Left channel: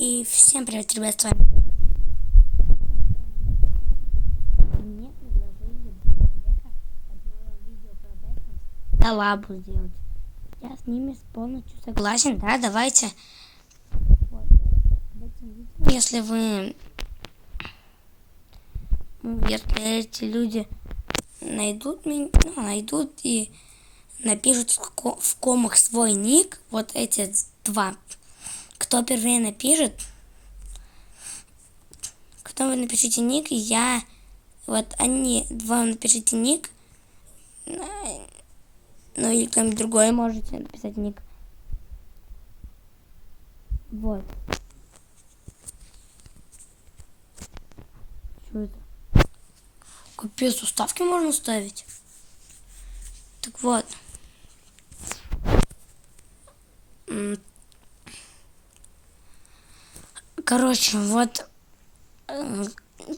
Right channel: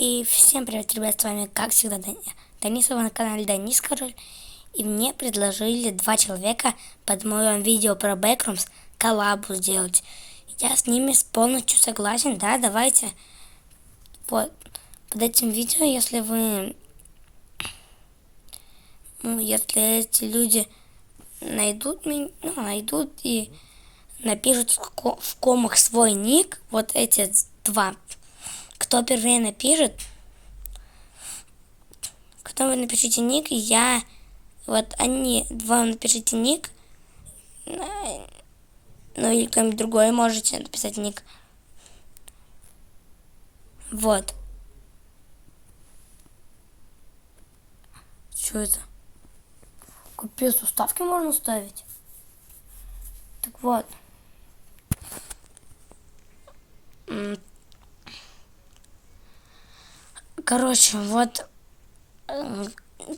И всем привет, ребят, с вами, как всегда, Денис, вы на канале Денис Король. И мне предложили два человека под моим видео про Backrooms коллабу сделать. Я с ними полностью согласен, да, давайте. Вот, под этим видео, если вы, если эти люди найдут меня, найдут и напишут в комах свой ник, вот эти два, кто первее напишет, кто вы напишите ник, я, вот они два напишите ник, ну или кто-нибудь другой можете написать ник. Вот. Что это? Капец, уставки можно ставить. Так вот. Короче, вот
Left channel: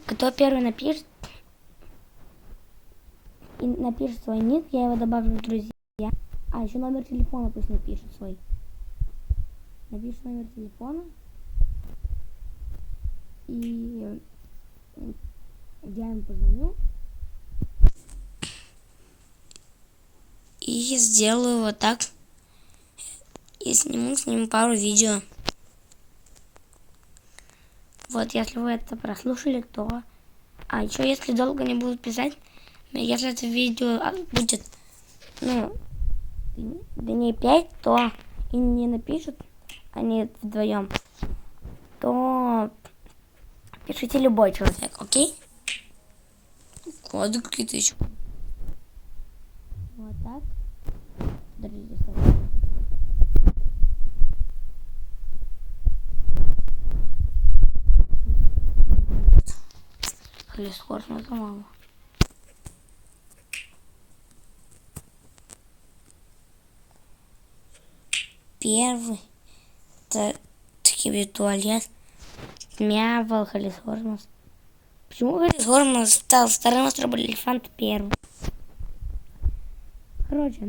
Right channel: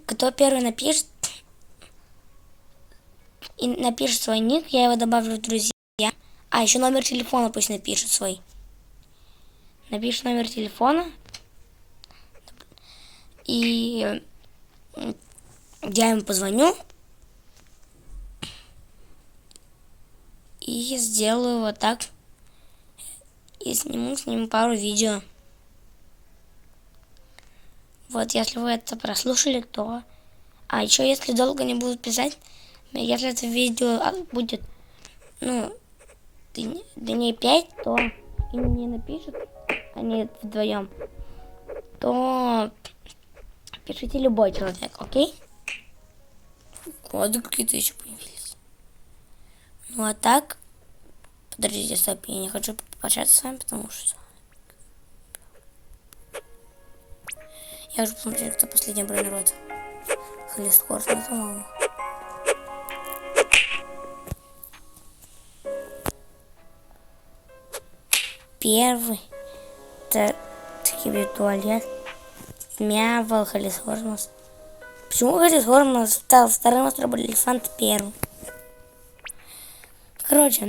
кто первый напишет и напишет свой ник, я его добавлю в друзья. А, еще номер телефона пусть напишет свой. Напишет номер телефона. И я ему позвоню. И сделаю вот так. И сниму с ним пару видео. Вот, если вы это прослушали, то... А еще, если долго не будут писать, если это видео будет, дней 5, то и не напишут они вдвоем, то пишите любой человек, окей? Коды какие-то еще появились. Ну а так, подождите, стоп, я не хочу пообщаться с вами, потому что... Я уже посмотрел, кто последний бронирот. Холлискорс, ну, по-моему. Первый. Это туалет. Мявал, Холлискорс. Почему Холлискорс стал вторым, островом элефант первым? Короче,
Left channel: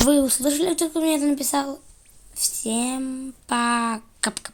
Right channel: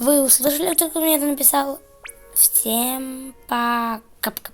вы услышали, кто мне это написал? Всем пока-пока.